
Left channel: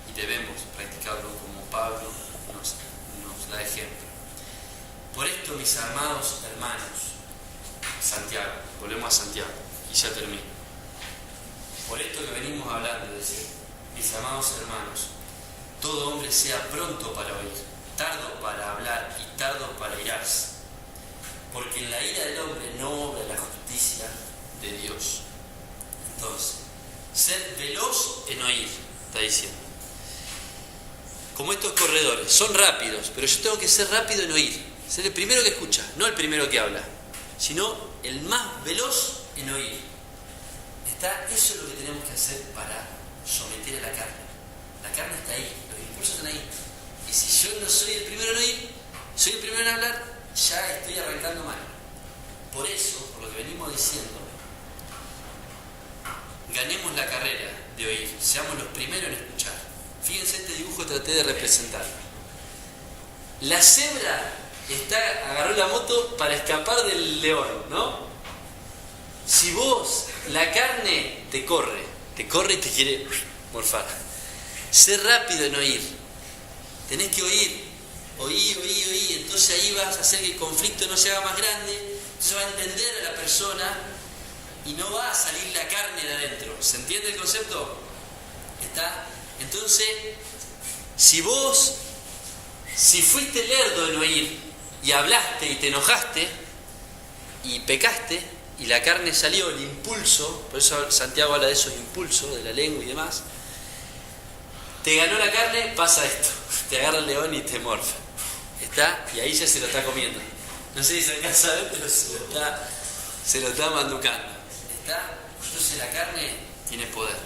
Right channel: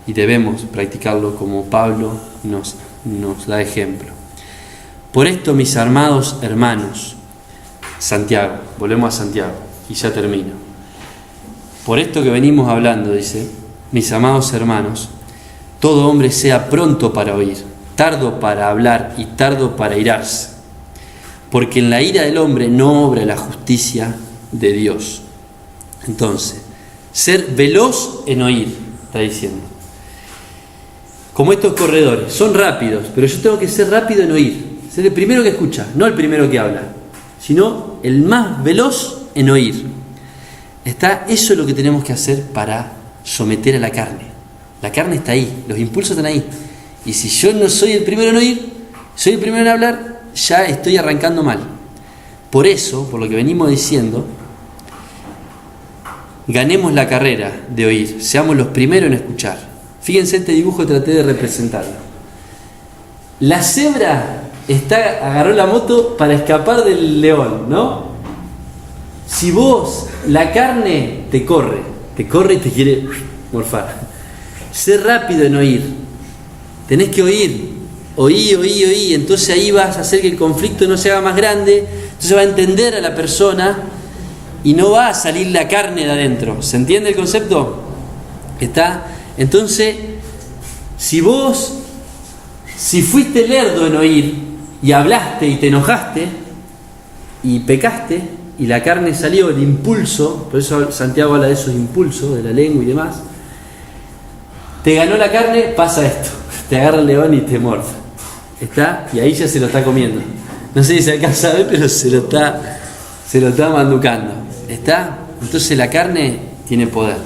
Y debemos practicarlo como Pablo nos da ejemplo. Por esto, mis amados hermanos, Santiago, volvemos a Santiago y ya termino. Por esto que venimos hablando, dice, mis amados hermanos, todo hombre sea pronto para oír, tardo para hablar y tardo para irarse, porque en la ira del hombre no obra la justicia de Dios. Entonces, ser veloz en oír, está diciendo. Como estos corredores, son rápidos, pero yo tengo que ser rápido en oír. Ser el primero que escucha, no el primero que habla, sino el más veloz en oír. Eso es lo que tenemos que hacer para someter a la carne. La carne está ahí, los impulsos están ahí. Y si yo no soy el primero en oír, soy el primero en hablar, ya estoy arrancando mal. Por eso, por lo que venimos diciendo, ganemos la carrera de oír, seamos los primeros en escuchar. Fíjense este dibujo, traté de representarlo. La cebra agarró la moto para escapar del león, ¿no? Si vos, la carne te corre y te quiere morfar. Sé rápido en oír. Tenés que oír. Oí. Entonces ahí vas a hacer que el conflicto no se haga más grande. Entonces va a entender a la persona y no va a salir la carne de adentro. ¿Se entiende el concepto? Entonces, si fuiste lerdo en oír y hablaste y te enojaste y pecaste y la carne salió, el impulso, por eso Santiago habla de esos impulsos, de la lengua y demás, te ganó la carne, pasa esto, te agarra el león y te morfa. Y ahí ya se lo está comiendo. No sé si se alcanza a ver, pero se lo está manducando. Entonces la carne tiene poder.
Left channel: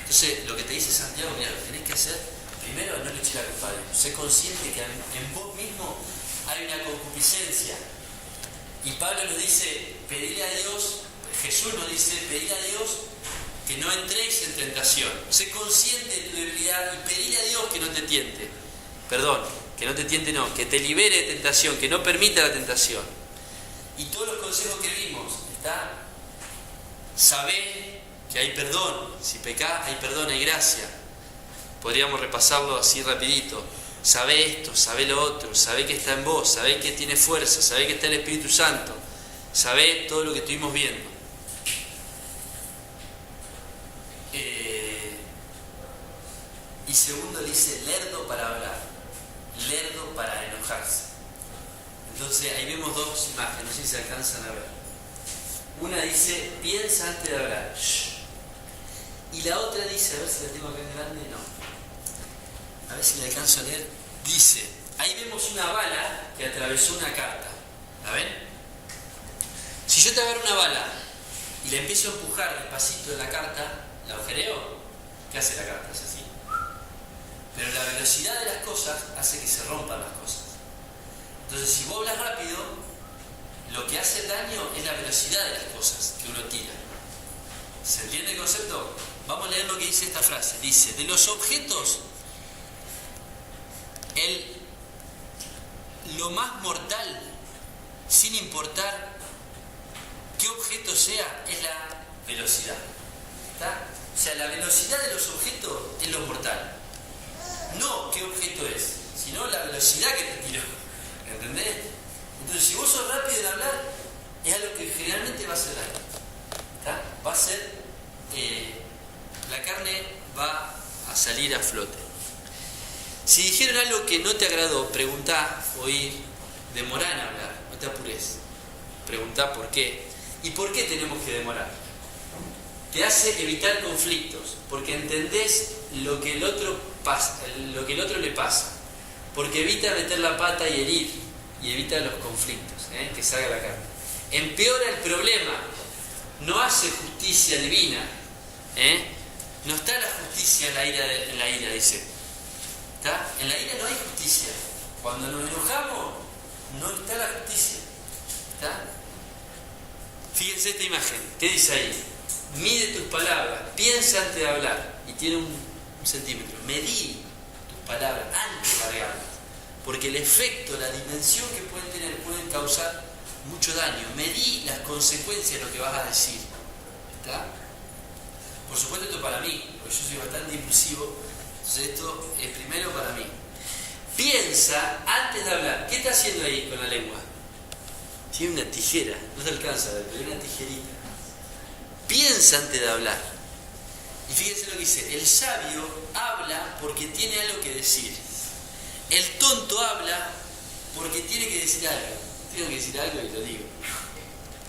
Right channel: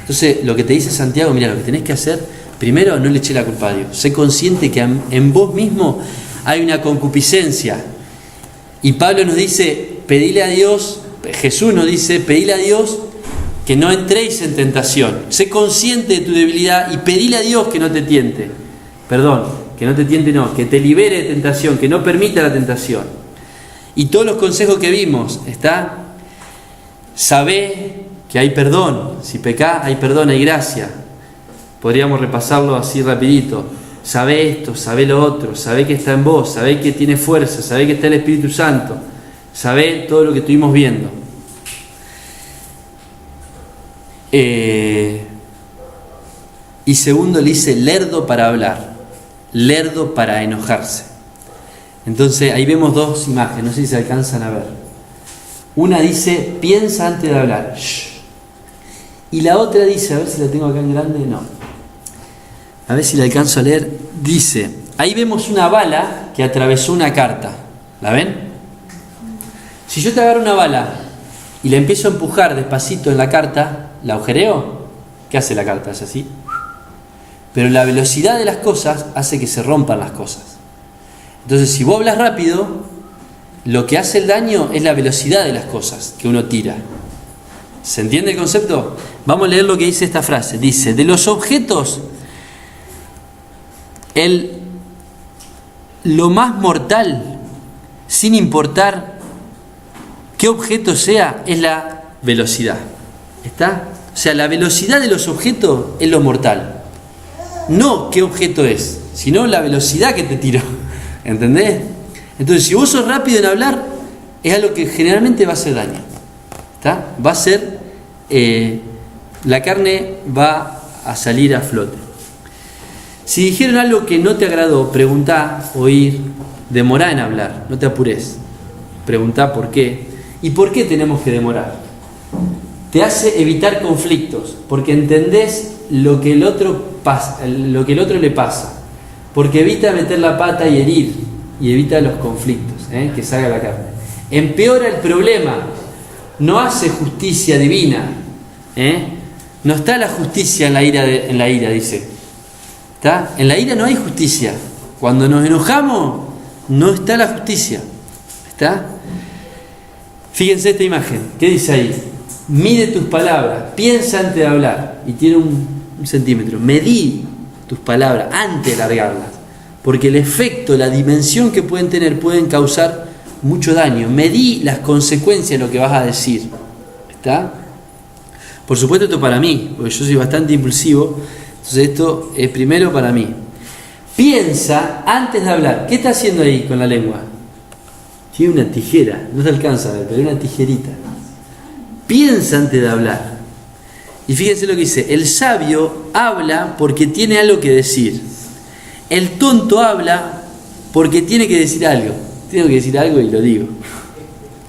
Entonces lo que te dice Santiago, mira, lo que tenés que hacer, primero no le eché la culpa a Dios. Sé consciente que en vos mismo hay una concupiscencia. Y Pablo nos dice, pedile a Dios, Jesús nos dice, pedile a Dios que no entréis en tentación. Sé consciente de tu debilidad y pedile a Dios que no te tiente. Que no te tiente, no, que te libere de tentación, que no permita la tentación. Y todos los consejos que vimos, sabé que hay perdón. Si pecás, hay perdón, hay gracia. Podríamos repasarlo así rapidito. Sabé esto, sabé lo otro, sabé que está en vos, sabé que tiene fuerza, sabé que está el Espíritu Santo, sabé todo lo que estuvimos viendo. Y segundo le dice lerdo para hablar, lerdo para enojarse. Entonces ahí vemos dos imágenes, no sé si se alcanzan a ver. Una dice, piensa antes de hablar. Shh. Y la otra dice, a ver si la tengo acá en grande, no. A ver si la alcanzo a leer. Dice, ahí vemos una bala que atravesó una carta. ¿La ven? Si yo te agarro una bala y la empiezo a empujar despacito en la carta, ¿la agujereo? ¿Qué hace la carta? Es así. Pero la velocidad de las cosas hace que se rompan las cosas. Entonces, si vos hablas rápido, lo que hace el daño es la velocidad de las cosas que uno tira. ¿Se entiende el concepto? Vamos a leer lo que dice esta frase. Dice, de los objetos, lo más mortal, sin importar qué objeto sea, es la velocidad. O sea, la velocidad de los objetos es lo mortal. No qué objeto es, sino la velocidad que te tiró. ¿Entendés? Entonces, si vos sos rápido en hablar, es algo que generalmente va a hacer daño. Va a ser, la carne va a salir a flote. Si dijeron algo que no te agradó, preguntá, oír, demorá en hablar, no te apures. Preguntá por qué. ¿Y por qué tenemos que demorar? Te hace evitar conflictos, porque entendés lo que el otro le pasa, porque evita meter la pata y herir, y evita los conflictos, que salga la carne. Empeora el problema, no hace justicia divina, no está la justicia en la ira, dice. En la ira no hay justicia. Cuando nos enojamos, no está la justicia. ¿Está? Fíjense esta imagen. ¿Qué dice ahí? Mide tus palabras, piensa antes de hablar. Y tiene un centímetro. Medí tus palabras antes de largarlas. Porque el efecto, la dimensión que pueden tener, pueden causar mucho daño. Medí las consecuencias de lo que vas a decir. ¿Está? Por supuesto esto para mí, porque yo soy bastante impulsivo. Entonces esto es primero para mí. Piensa antes de hablar. ¿Qué está haciendo ahí con la lengua? Tiene una tijera, no se alcanza a ver, pero una tijerita. Piensa antes de hablar. Y fíjense lo que dice: el sabio habla porque tiene algo que decir. El tonto habla porque tiene que decir algo. Tengo que decir algo y lo digo.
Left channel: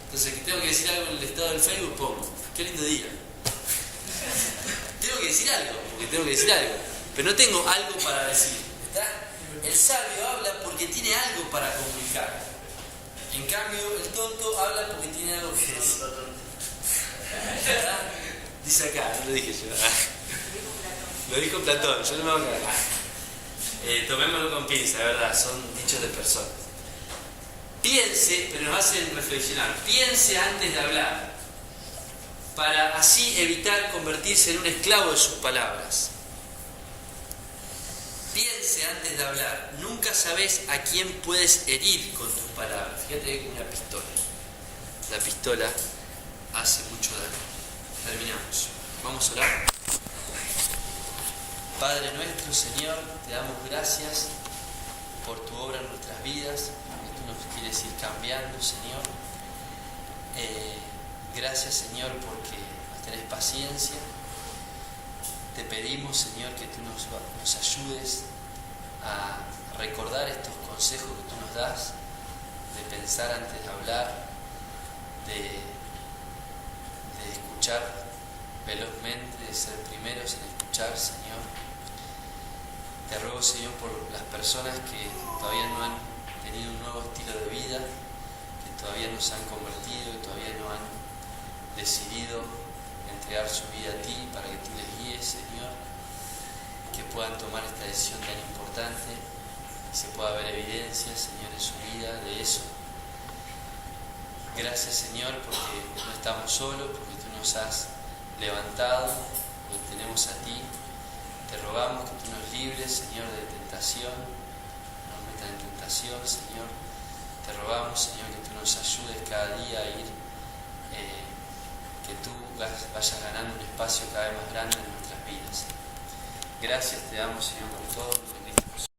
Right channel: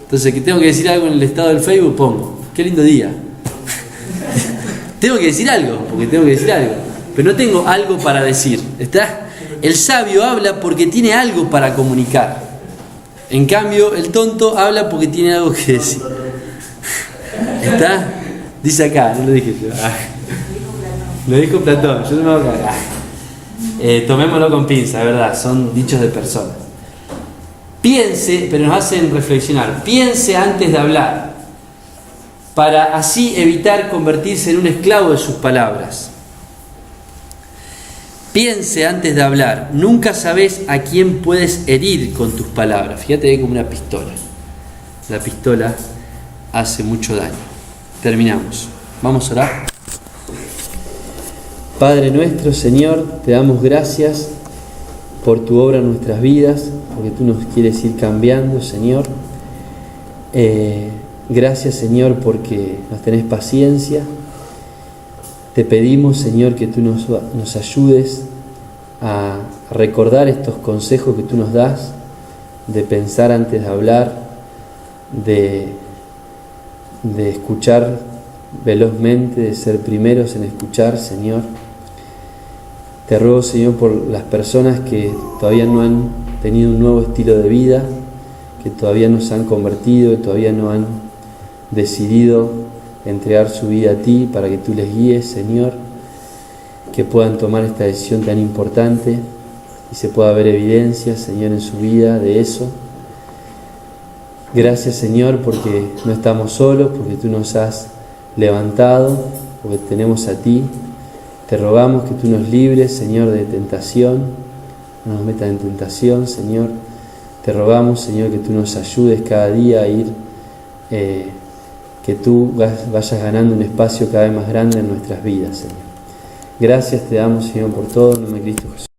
Entonces, que tengo que decir algo en el estado del Facebook, pongo: qué lindo día. Tengo que decir algo, porque tengo que decir algo. Pero no tengo algo para decir. ¿Está? El sabio habla porque tiene algo para comunicar. En cambio, el tonto habla porque tiene algo que decir. ¿Está? Dice acá, no lo dije yo. Lo dijo Platón, yo no me voy a cagar. Tomémoslo con pinza, de verdad, son dichos de personas. Piense, pero nos hacen reflexionar. Piense antes de hablar, para así evitar convertirse en un esclavo de sus palabras. Piense antes de hablar. Nunca sabes a quién puedes herir con tus palabras. Fíjate que es como una pistola. La pistola hace mucho daño. Terminamos. Vamos a orar. Padre nuestro, Señor, te damos gracias por tu obra en nuestras vidas, porque tú nos quieres ir cambiando, Señor. Gracias, Señor, porque nos tenés paciencia. Te pedimos, Señor, que tú nos ayudes a recordar estos consejos que tú nos das, de pensar antes de hablar, de escuchar velozmente, de ser primeros en escuchar, Señor. Te ruego, Señor, por las personas que todavía no han tenido un nuevo estilo de vida, que todavía no se han convertido, que todavía no han decidido entregar su vida a ti para que tú les guíes, Señor, que puedan tomar esta decisión tan importante y se pueda ver evidencia, Señor, en su vida de eso. Gracias, Señor, porque no estamos solos, porque tú nos has levantado, porque tenemos a ti. Te rogamos que tú nos libres, Señor, de tentación, no nos metas en tentación, Señor. Te rogamos, Señor, que tú nos ayudes cada día a ir, que tú vayas ganando un espacio cada vez más grande en nuestras vidas, Señor. Gracias te damos, Señor, por todo, en el nombre de Cristo Jesús.